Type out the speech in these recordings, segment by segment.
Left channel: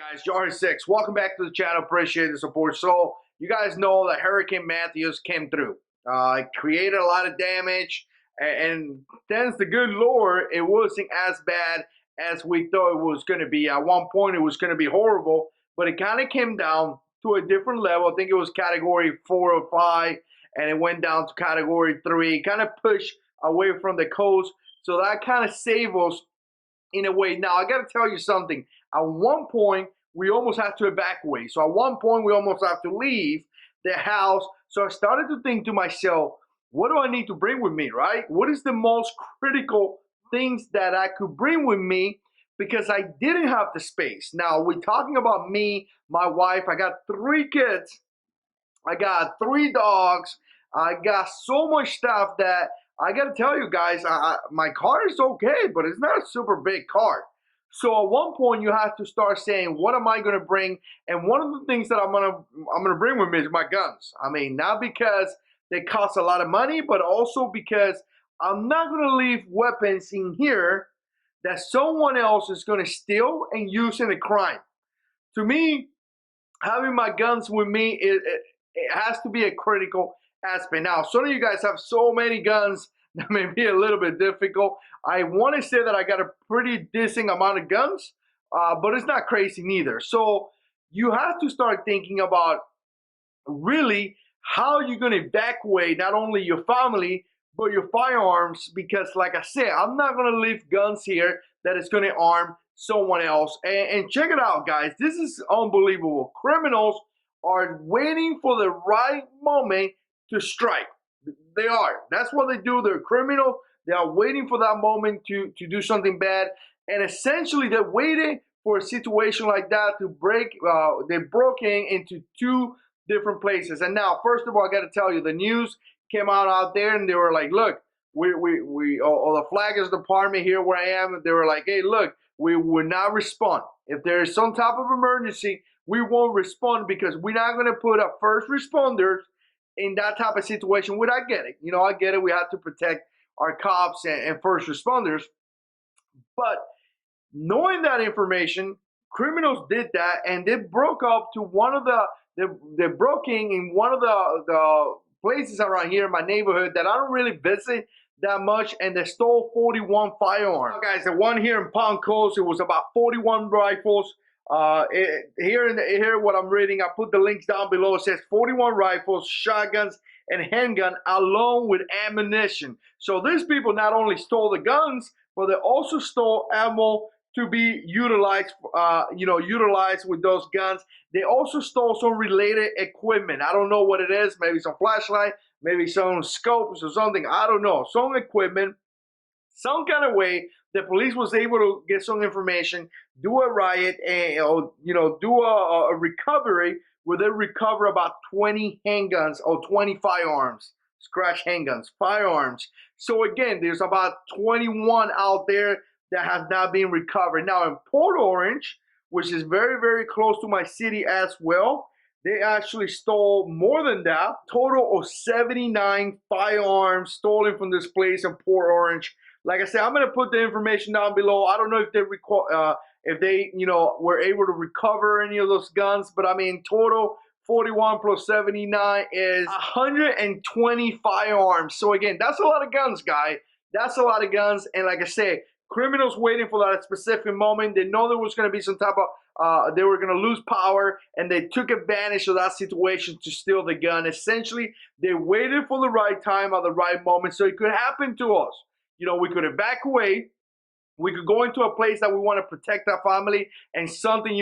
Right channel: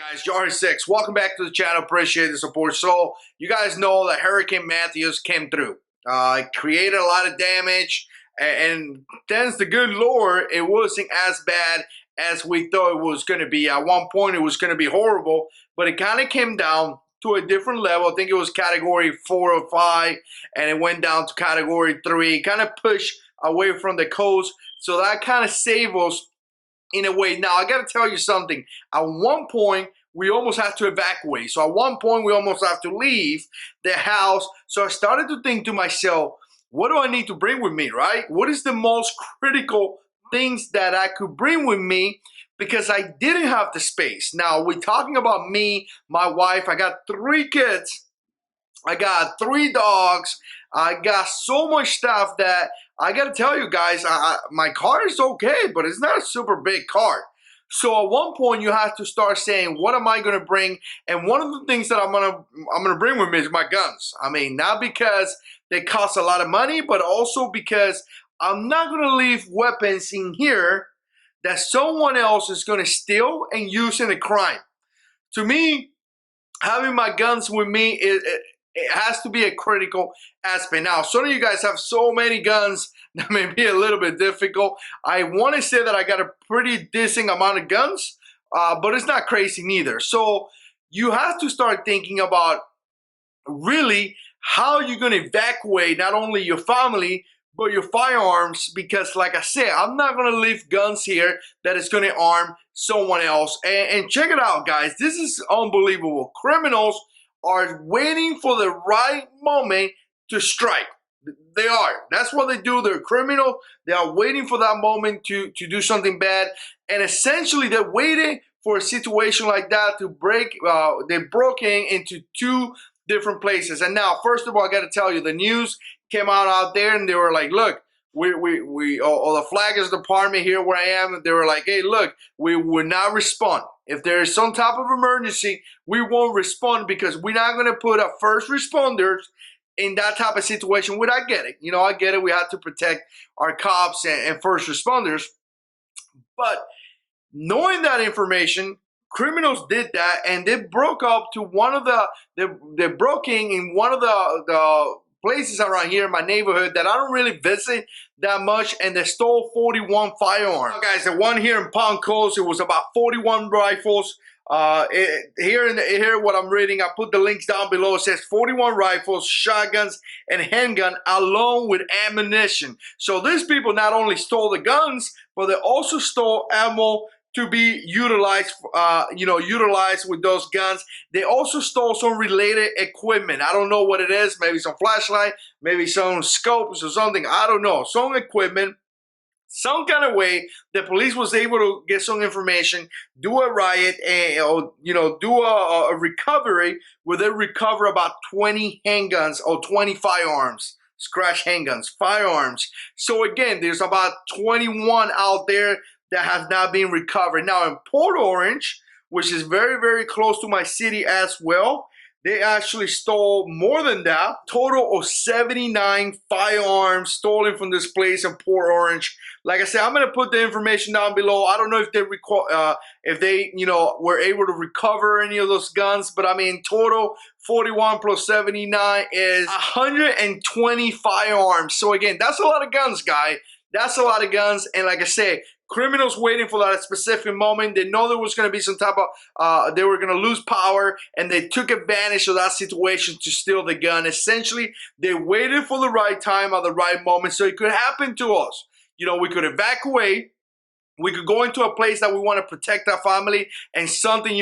Guys, JH6, welcome back to the channel. Appreciate the support. So you guys know that Hurricane Matthews came through. It created a lot of damage, and thanks to good Lord, it wasn't as bad as we thought it was going to be. At one point, it was going to be horrible, but it kind of came down to a different level. I think it was category 4 or 5, and it went down to category 3. Kind of pushed away from the coast, so that kind of saved us in a way. Now, I got to tell you something. At one point, we almost had to evacuate. So at one point, we almost have to leave the house. So I started to think to myself, what do I need to bring with me, right? What is the most critical things that I could bring with me? Because I didn't have the space. Now, we're talking about me, my wife. I got 3 kids. I got 3 dogs. I got so much stuff that I gotta tell you guys, my car is okay, but it's not a super big car. So at one point you have to start saying, what am I gonna bring? And one of the things that I'm gonna bring with me is my guns. I mean, not because they cost a lot of money, but also because I'm not gonna leave weapons in here that someone else is gonna steal and use in a crime. To me, having my guns with me it has to be a critical aspect. Now, some of you guys have so many guns that may be a little bit difficult. I want to say that I got a pretty decent amount of guns, but it's not crazy neither. So you have to start thinking about really how you're going to evacuate not only your family, but your firearms, because like I said, I'm not going to leave guns here that is going to arm someone else. And check it out, guys. This is unbelievable. Criminals are waiting for the right moment to strike. They are. That's what they do. They're criminal. They are waiting for that moment to do something bad. And essentially, they're waiting for a situation like that to break. They broke into 2 different places. And now, first of all, I got to tell you, the news came out there, and they were like, look, the Flaggers Department here where I am, they were like, hey, look, we will not respond. If there is some type of emergency, we won't respond because we're not going to put our first responders in that type of situation. Which I get it. You know, I get it. We have to protect our cops and first responders. But knowing that information, criminals did that, and they broke up to one of they broke in one of the places around here in my neighborhood that I don't really visit that much, and they stole 41 firearms. Now, guys, the one here in Palm Coast, it was about 41 rifles. Here what I'm reading, I put the links down below. It says 41 rifles, shotguns, and handgun along with ammunition. So these people not only stole the guns, but they also stole ammo to be utilized, utilized with those guns. They also stole some related equipment. I don't know what it is. Maybe some flashlight, maybe some scopes or something. I don't know. Some equipment. Some kind of way the police was able to get some information, do a riot, and do a recovery where they recover about 20 handguns or 20 firearms, scratch handguns, firearms. So again, there's about 21 out there that has not been recovered. Now in Port Orange, which is very, very close to my city as well, they actually stole more than that. Total of 79 firearms stolen from this place in Port Orange. Like I said, I'm gonna put the information down below. I don't know if they were able to recover any of those guns, but I mean, total 41 plus 79 is 120 firearms. So again, that's a lot of guns, guy. That's a lot of guns. And like I said, criminals waiting for that specific moment. They know there was going to be some type of, they were going to lose power, and they took advantage of that situation to steal the gun. Essentially, they waited for the right time at the right moment, so it could happen to us. You know, we could evacuate. We could go into a place that we want to protect our family, and something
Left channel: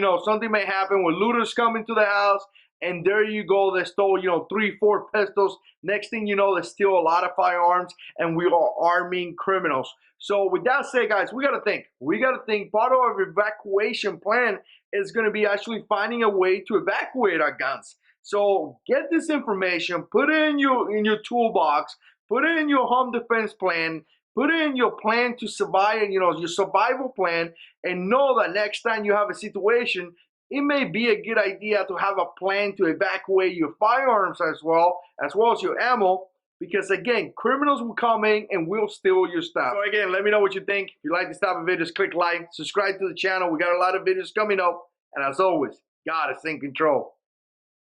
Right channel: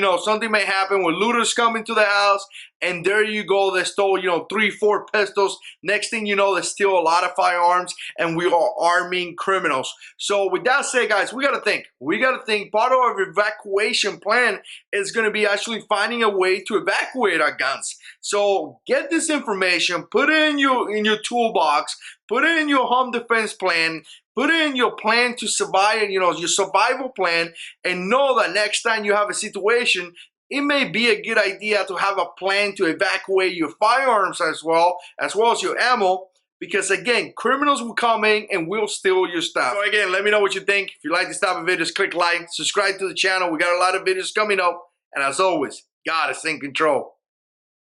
may happen when looters come into the house, and there you go, they stole, 3, 4 pistols. Next thing you know, they steal a lot of firearms, and we are arming criminals. So with that said, guys, we got to think. We got to think. Part of our evacuation plan is going to be actually finding a way to evacuate our guns. So get this information, put it in your toolbox, put it in your home defense plan, put it in your plan to survive, your survival plan, and know that next time you have a situation, it may be a good idea to have a plan to evacuate your firearms as well as your ammo, because again, criminals will come in and will steal your stuff. So again, let me know what you think. If you like this type of videos, click like, subscribe to the channel. We got a lot of videos coming up, And as always, God is in control.